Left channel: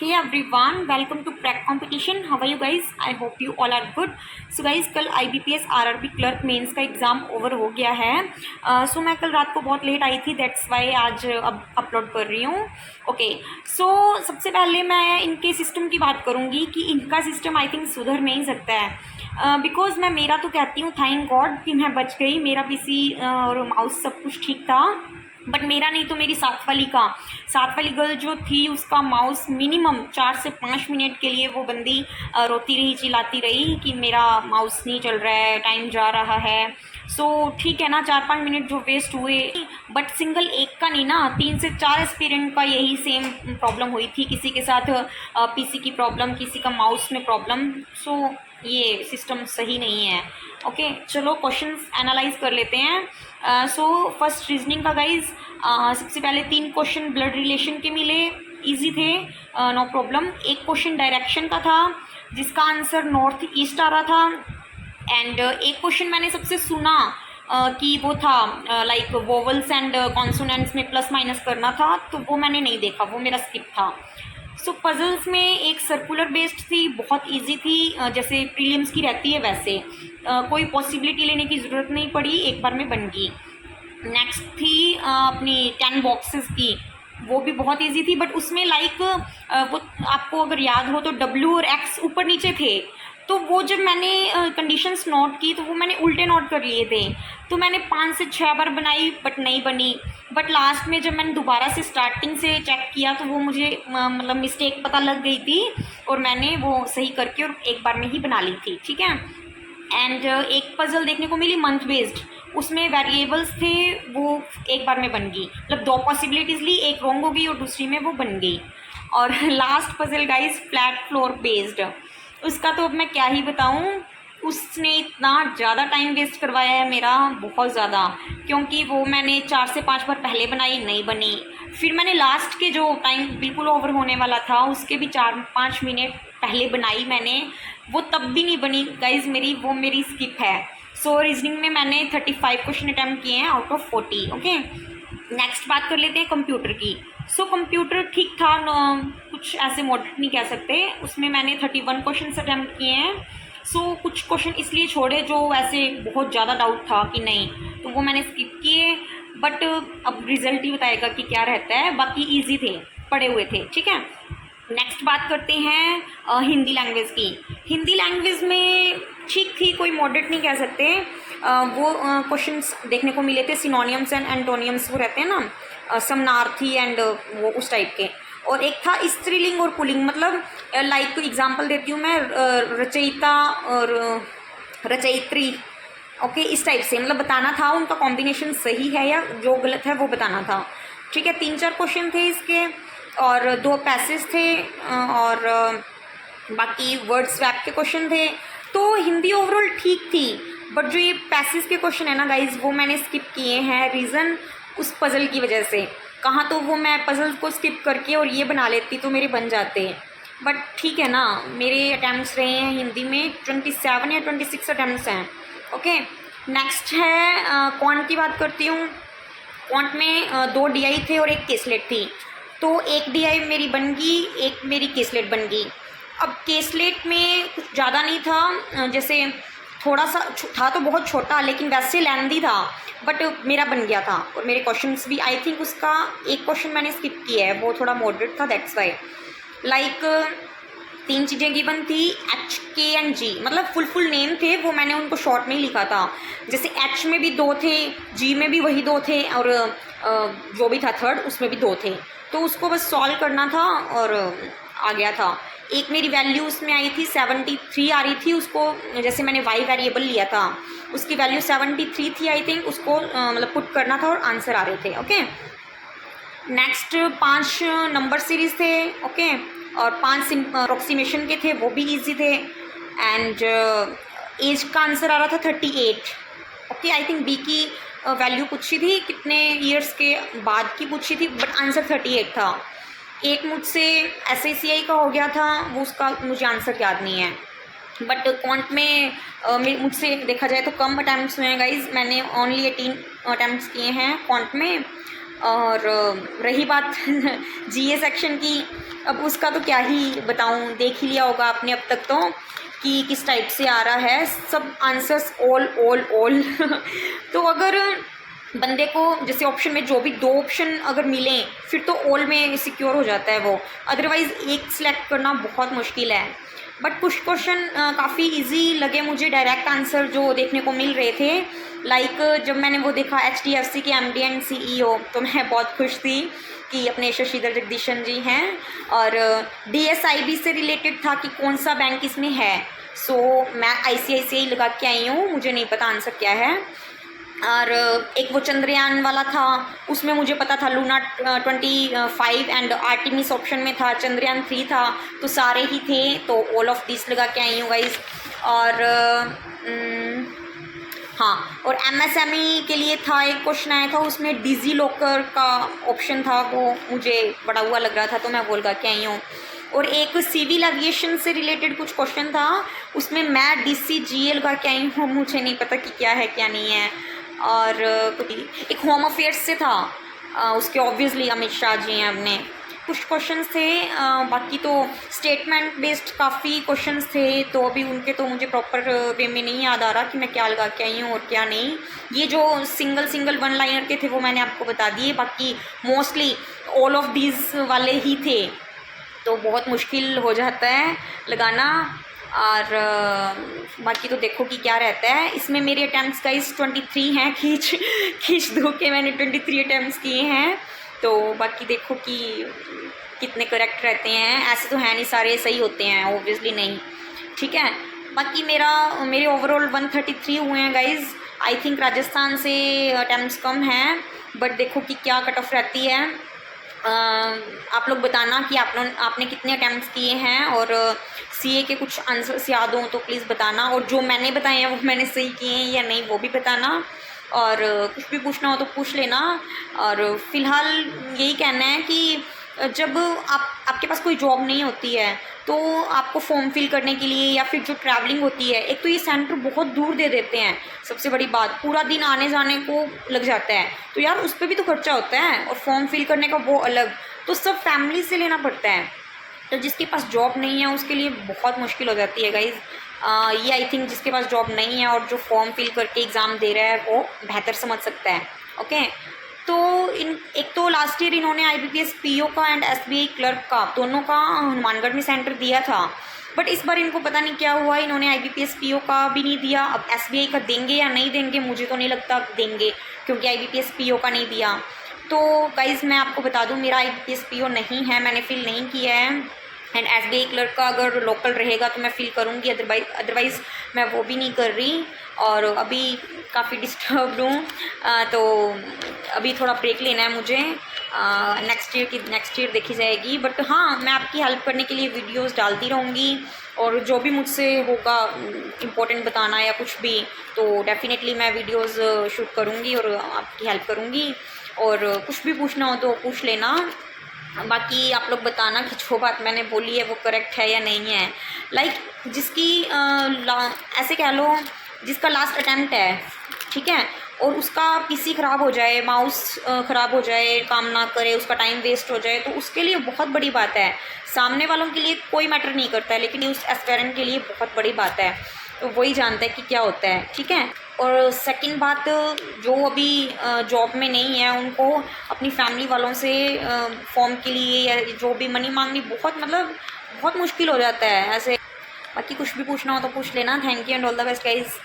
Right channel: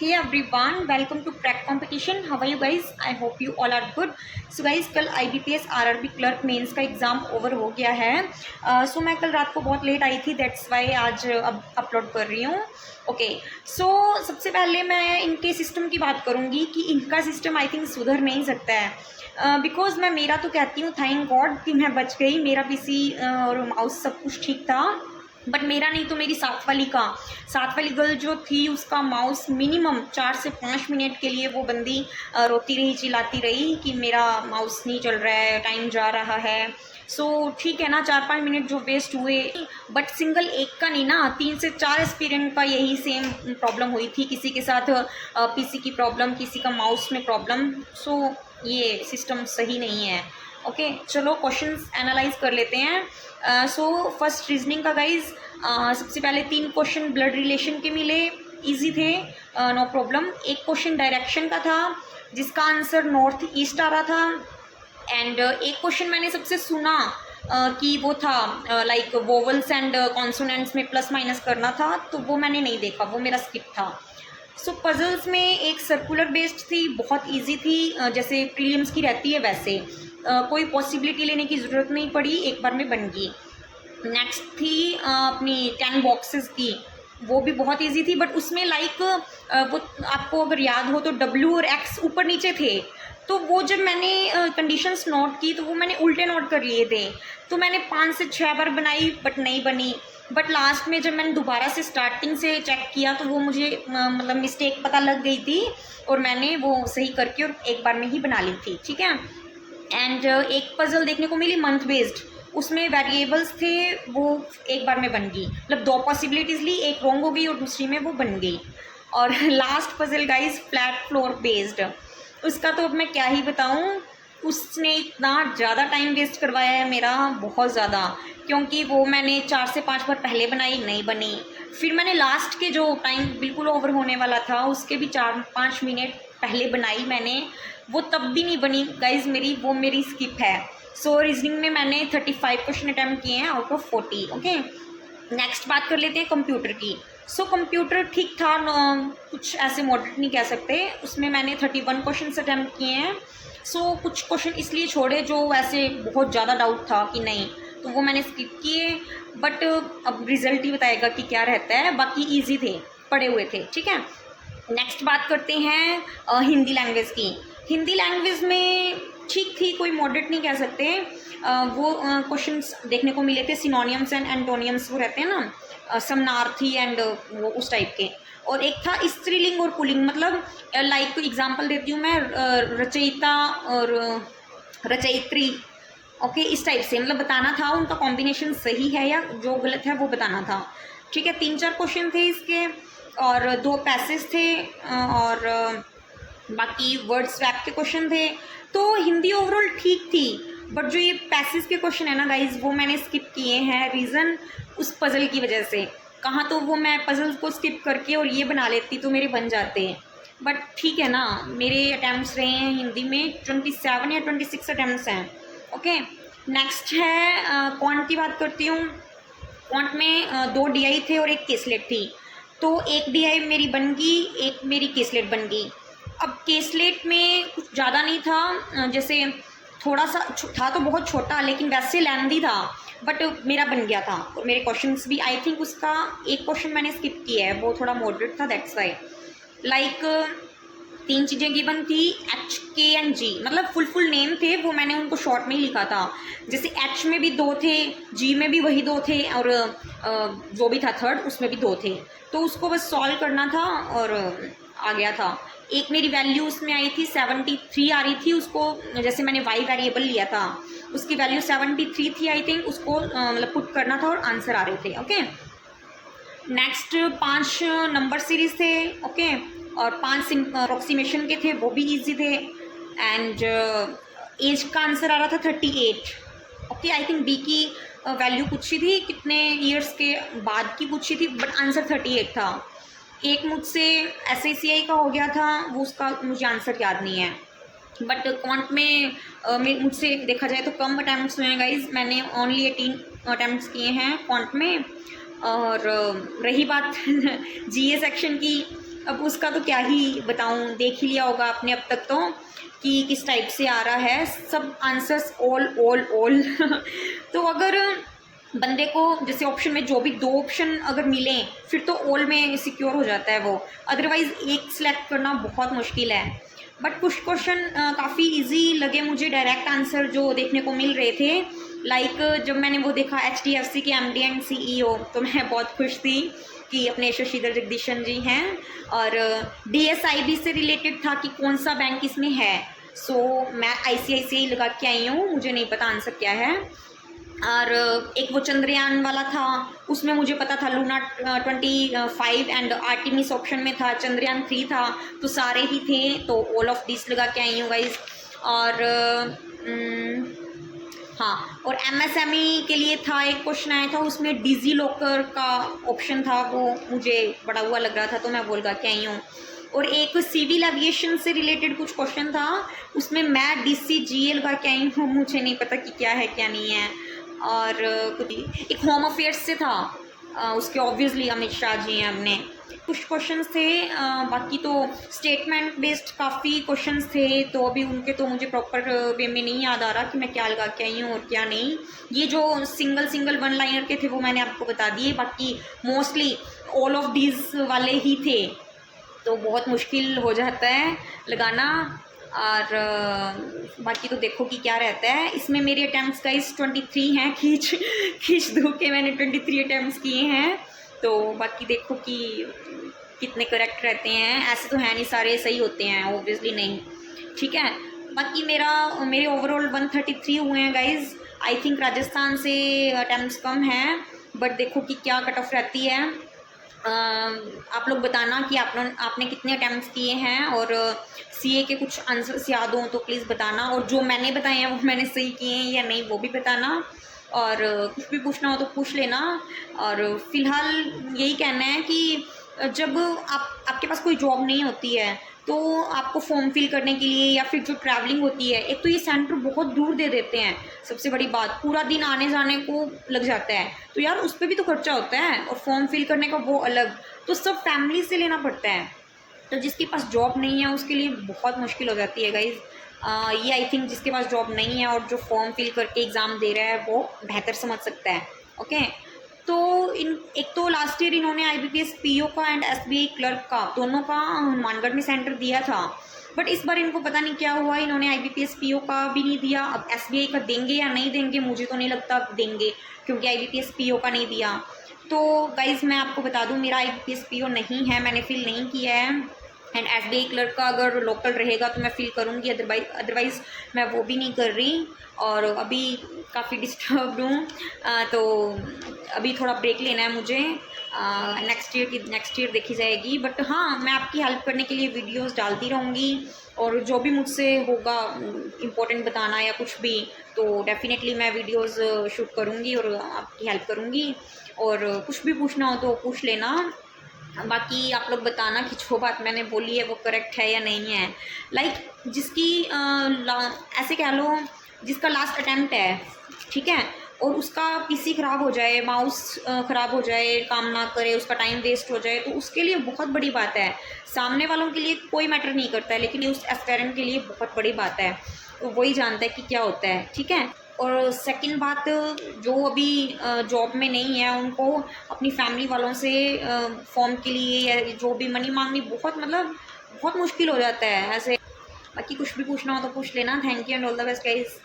Hey everyone, welcome to Prac Competition. How are you guys? I hope you all are good. So guys, कल IBPS RRB clerk mains का exam over हो गया है. सो मैं कल रात को बहुत लेट आई थी, दैट्स वाई आज अब अपलोड कर रही हूँ. ओके, सो सबसे पहले मैं इनके सिस्टम की बात करूँगी कि इनका सिस्टम आई थिंक सुधर नहीं सकता है. बिकॉज मैं मेरा तो कहती हूँ थैंक गॉड कि मैं बच गई, मेरा पीसी और माउस सब कुछ ठीक था. बट मेरा नहीं तो मेरी साथ वाली गर्ल जो थी उसका माउस मिनिमम 4 से 5 मिनट के लिए वो बंदी रोती रही, चिल्लाती रही कि मेरा माउस नहीं चल रहा है, टाइम जा रहा है. सो ठीक है ना, 4-5 मिनट जो वेस्ट हुए, बट सिंगल एक का नहीं ना, 3 से 4 एस्पिरेंट का यही सेम प्रॉब्लम हुई थी. किसी के साथ पीसी की प्रॉब्लम, किसी का माउस में प्रॉब्लम. सो ये सिस्टम सही नहीं है. ओके, चलो क्वेश्चंस एनालाइज कर लेते हैं. सो फर्स्ट रीजनिंग का गाइज, सबसे पहले 3 क्वेश्चन ब्लड रिलेशन के मिले, इजी थे, नो प्रॉब्लम. एक क्वेश्चन डायरेक्शन का था जिसका आंसर नॉर्थ ईस्ट आ रहा था. एंड एक क्वेश्चन मैंने सबसे सुना कि वो था लाइक वोवल्स एंड कॉन्सोनेंट्स में प्लस माइनस करना था, तो वो मैंने नहीं देखा, वो मेरा स्किप था. सो पजल्स में एक सर्कुलर बेस्ड थी, बहुत इजी थी, जैसे प्रीलिम्स की रहती है वैसे. कोई पॉसिबिलिटी लेने की ज़रूरत नहीं पड़ी, एक बार में बन गई. नेक्स्ट थी अपनी 10 बॉक्सेस की, वो भी बहुत इजी थी. बट उसमें लाइक वो आपको अगर याद हो तो W और X ऊपर नीचे थे, तो वो जब मैंने कंडीशंस नोट की तो वो मैंने उल्टे नोट कर लिए थे. तो मैंने 5 से 6 बार बनाई बट नहीं बनी. बट लास्ट में जब मैंने दोबारा से स्टार्टिंग से चेक किया तो वो मुझे मतलब मिस्टेक पता लग गई थी, और मैंने वो सही करके और एक बार में ही बना ली थी. ठीक है. एंड एक पजल देखने को मिली मंथ बेस्ड, उसमें वेरिएबल्स थे, वो एक बार में बन गई. मतलब 2 पॉसिबिलिटीज़ ली, एक रॉन्ग हो गई और दूसरी में वो बन गई. और last puzzle guys flat floor based, उसका तो अब मैं क्या ही बताऊँ. उसने इतना ज़्यादा टाइम वेस्ट करवाया है मेरा, बहुत ज़्यादा, क्योंकि वो मैंने 4 से 5 बार पहले बनाई, नहीं बनी. फिर मैंने लास्ट के जो टाइम बिल्कुल ओवर होने वाला था उसके भी 4-5 मिनट पहले बनाई मैंने, वो तब भी नहीं बनी गाइज मेरी, वो मेरी स्किप है. सो रीजनिंग में मैंने 35 क्वेश्चन अटैम्प्ट किए हैं आउट ऑफ 40. ओके, नेक्स्ट बात कर लेते हैं कंप्यूटर की. सो कंप्यूटर ठीक था, कुछ ऐसे मॉडरेट नहीं कह सकते. उसमें मैंने 31 क्वेश्चन अटैम्प्ट किए हैं. सो कुछ क्वेश्चन इसलिए छोड़े जो वैसे बहुत ज़्यादा डाउट था कि नहीं, तो वो मैंने स्किप किए. बट अब रिजल्ट ही बताएगा कि क्या रहता है. बाकी ईजी थे, पढ़े हुए थे. ठीक है, नेक्स्ट बात करते हैं हिंदी लैंग्वेज की. हिंदी लैंग्वेज में ठीक थी, कोई मॉडरेट नहीं कह सकते. वो क्वेश्चंस देखने को मिले थे, सिनोनियम्स एंड एंटोनियम्स वो रहते हैं ना, समनार्थी एंड वो उस टाइप के. और एक था स्त्रीलिंग और पुल्लिंग, मतलब लाइक एग्जांपल देती हूँ मैं, रचयिता और रचयित्री. ओके, इस टाइप से मतलब बताना था उनका कॉम्बिनेशन सही है या जो गलत है वो बताना था. ठीक है, 3-4 क्वेश्चन थे इसके, और 2 पैसेज थे, और बाकी वर्ड स्वैप के क्वेश्चन थे. तो हिंदी ओवरऑल ठीक थी, बट जो ये पैसेज के क्वेश्चन है ना गाइज, वो मैंने स्किप किए हैं. रीज़न उस पज़ल की वजह से. कहाँ तो वो मैं पज़ल को स्किप करके और ये बना लेती तो मेरे बन जाते. बट ठीक है ना, मेरे अटैम्प्ट्स रहे हैं हिंदी में 27 या 26 अटैम्प्ट्स हैं. ओके, नेक्स्ट है क्वांट की बात करती हूँ. क्वांट में 2 DI थे और एक केसलेट थी. तो एक DI मेरी बन गई, एक मेरी केसलेट बन गई. अब केसलेट में कुछ ज़्यादा नहीं था, जैसे थोड़ा सा था तो बहुत छोटा, लेकिन वैसे लेंदी था, बट मेरा बन गया था. और मेरे क्वेश्चंस भी आई थिंक उसका एक क्वेश्चन मैंने स्किप किया है, वो थोड़ा मॉडरेट था, दैट्स वाई. लाइक 3 चीज़ें गिवन थी, HK एंड G, मतलब फुल नेम थे, वो मैंने उनको शॉर्ट में ही लिखा था. जैसे H में भी 2 थे, G में भी वही 2 थे, और जो भी था थर्ड उसमें भी 2 थे. तो उसको बस सॉल्व करना था और आ गया था. एक मेरी वैल्यू उसमें आई थी 73 आ रही थी, उसको जैसे मैंने Y वेरिएबल लिया था, उसकी वैल्यू 73 थी आई थिंक, उसको मतलब पुट करना था और आंसर आ रहे थे. ओके, नेक्स्ट 5 नंबर सीरीज थे. ओके, और 5 अप्रोक्सीमेशन के थे, वो भी इजी थे. एंड एज का आंसर आ रहा था 38. ओके, आई थिंक B की वैल्यू पूछी थी, कितने ईयर्स के बाद की पूछी थी, बट आंसर 38 था. एक मुझसे SICI का हो गया था, वो उसका मुझे आंसर याद नहीं है. बट क्वांट में मुझसे देखा जाए तो कम अटैम्प्ट्स हुए हैं गाइज, मैंने ओनली 18 अटैम्प्ट्स किए हैं क्वांट में. और रही बात जीए सेक्शन की, अब उसका तो क्या ही बताऊँ, देख ही लिया होगा आपने अब तक तो कि किस टाइप से आ रहा है सब आंसर्स, ऑल ऑल ऑल तो अगर बंदे को जैसे ऑप्शन में जो भी 2 ऑप्शन अगर मिलें फिर तो ऑल में सिक्योर हो जाता है वो, अदरवाइज़ एक सिलेक्ट करना बहुत मुश्किल है। बट कुछ क्वेश्चन काफ़ी इजी लगे मुझे, डायरेक्ट आंसर जो देखने को मिल रहे थे। लाइक जब मैंने वो देखा HDFC के MD एंड CEO, तो मैं बहुत खुश थी कि अपने शशिधर जगदीशन जी हैं, और DSIB से रिलेटेड था कि कौन सा बैंक इसमें है। सो मैं ICICI लगा के आई हूँ, मुझे नहीं पता आंसर क्या है। और एक वो चंद्रयान वाला था, उसमें मुझे पता था लूना 25 एंड आर्टिमिस ऑप्शन में था, चंद्रयान 3 था, तो सारे ही थे, तो ऑल ऑफ दिस लगा के आई हूँ गाइज। और हाँ, और MSME के लिए था, एक क्वेश्चन आया था, उसमें डिजी लॉकर का ऑप्शन था, वो मुझे बड़ा हुआ लग रहा था तो मैं बोल के आई हूँ। और एक सिविल एविएशन से रिलेटेड कुछ क्वेश्चन था, उसमें मैं DCGA लगा के आई हूँ, मुझे नहीं पता कि क्या है क्या नहीं है। और कुछ एक होम अफेयर्स से था, उसके ऑब्वियसली अमित शाह जी हैं अपने। कुछ क्वेश्चंस थे, बाकी तो स्टेटमेंट बेस्ड काफ़ी क्वेश्चंस थे, तो अभी उनके तो मुझे प्रॉपर वे में नहीं याद आ रहा कि मैं क्या लगा के आई हूँ और क्या नहीं। ये जो सिंगल 1 लाइनर के थे वो मैंने आपको बता दिए, बाकी मोस्टली ऑल ऑफ दीज वाले ही थे, तो बहुत मुश्किल हो जाता है लगाना। और बाकी तो देखो कि क्या रहता है इसमें। मेरे अटैम्प्ट्स गाइस 23 हैं, खींच दो के मैंने 23 अटैम्प्ट्स किए हैं, तो बाकी देखो कि कितने करेक्ट रहते हैं। ऐसे तो है नहीं सारे सही होते हैं, ऑब्वियसली नहीं, ठीक है। बाकी मेरे ओवरऑल 133 हुए हैं गाइज। आई थिंक राजस्थान से अटैम्प्ट्स कम हैं, बट देखो कि क्या कट ऑफ रहती है। आप लोग बताना कि आपने कितने अटैम्प्ट्स किए हैं, और CA के कुछ आंसर्स याद हों तो प्लीज़ बताना, और जो मैंने बताए हैं वो मैंने सही किए हैं या नहीं वो भी बताना। और कुछ भी पूछना हो तो पूछ लेना। और फिलहाल यही कहना है कि जब आपके पास कोई जॉब नहीं होती है तो आपको फॉर्म फिल करने के लिए या फिर जो ट्रैवलिंग होती है, एक तो ये सेंटर बहुत दूर दे देते हैं, सबसे बड़ी बात पूरा दिन आने जाने को लग जाता है, तो यार उस पर भी तो खर्चा होता है, और फॉर्म फिल करने का वो अलग, तो सब फैमिली से लेना पड़ता है। तो जिसके पास जॉब नहीं है उसके लिए बहुत मुश्किल हो जाती है गाइज़। ये आई थिंक जिसके पास जॉब नहीं है और जो फॉर्म फिल करके एग्ज़ाम दे रहा है वो बेहतर समझ सकता है। ओके, तो एक तो लास्ट ईयर इन्होंने IBPS PO का एंड SBI क्लर्क का दोनों का हनुमानगढ़ में सेंटर दिया था, बट इस बार इनको पता नहीं क्या हुआ, इन्होंने IBPS PO का भी नहीं दिया। अब SBI का देंगे या नहीं देंगे, मुझे तो नहीं लगता देंगे, क्योंकि IBPS PO का नहीं दिया। तो गाइज़ मैं आपको बता दूं, मेरा IBPS PO नहीं है, मैंने फिल नहीं किया है, एंड SBI क्लर्क का अगर लोकल रहेगा तो मैं फिल करूँगी, अदरवाइज़ मैं वो भी नहीं कर रही। और अभी काफ़ी डिस्टर्ब्ड हूँ, तो अभी थोड़ा ब्रेक लेना है मुझे। नेक्स्ट ईयर देखी जाएगी, बट हाँ मैं आपकी हेल्प करने के लिए वीडियोस डालती रहूँगी, और जो भी मुझसे होगा इम्पोर्टेंट बताना या कुछ भी, तो डेफिनेटली मैं वीडियोस शूट करूँगी और आपकी हेल्प करूँगी। और कुछ भी पूछना हो तो पूछ लेना। बाकी आप लोग बताना कि जो बात मैंने बोली है वो करेक्ट है या नहीं है। लाइक जिसकी ऐसे कह लो, जिसका लास्ट अटैम्प्ट है, ठीक है, और उसका PC ख़राब हो जाए, माउस ख़राब हो जाए, काम ना करे, उसका टाइम वेस्ट हो जाए, तो उसके लिए बहुत बड़ी बात है। सामने वालों के लिए कोई मैटर नहीं करता है, लेकिन उस एस्पिरेंट के लिए बहुत बड़ी बात है, तो वही जानता है कि क्या होता है, ठीक है। और सेकंड बात, जो अभी जॉब में नहीं है उनको अपनी फैमिली वालों से फॉर्म के लिए या जो भी मनी मांगनी बहुत मुश्किल हो जाता है ऐसे। बाकी कुछ भी पूछना हो तो पूछ लेना। Thank you and all the best guys.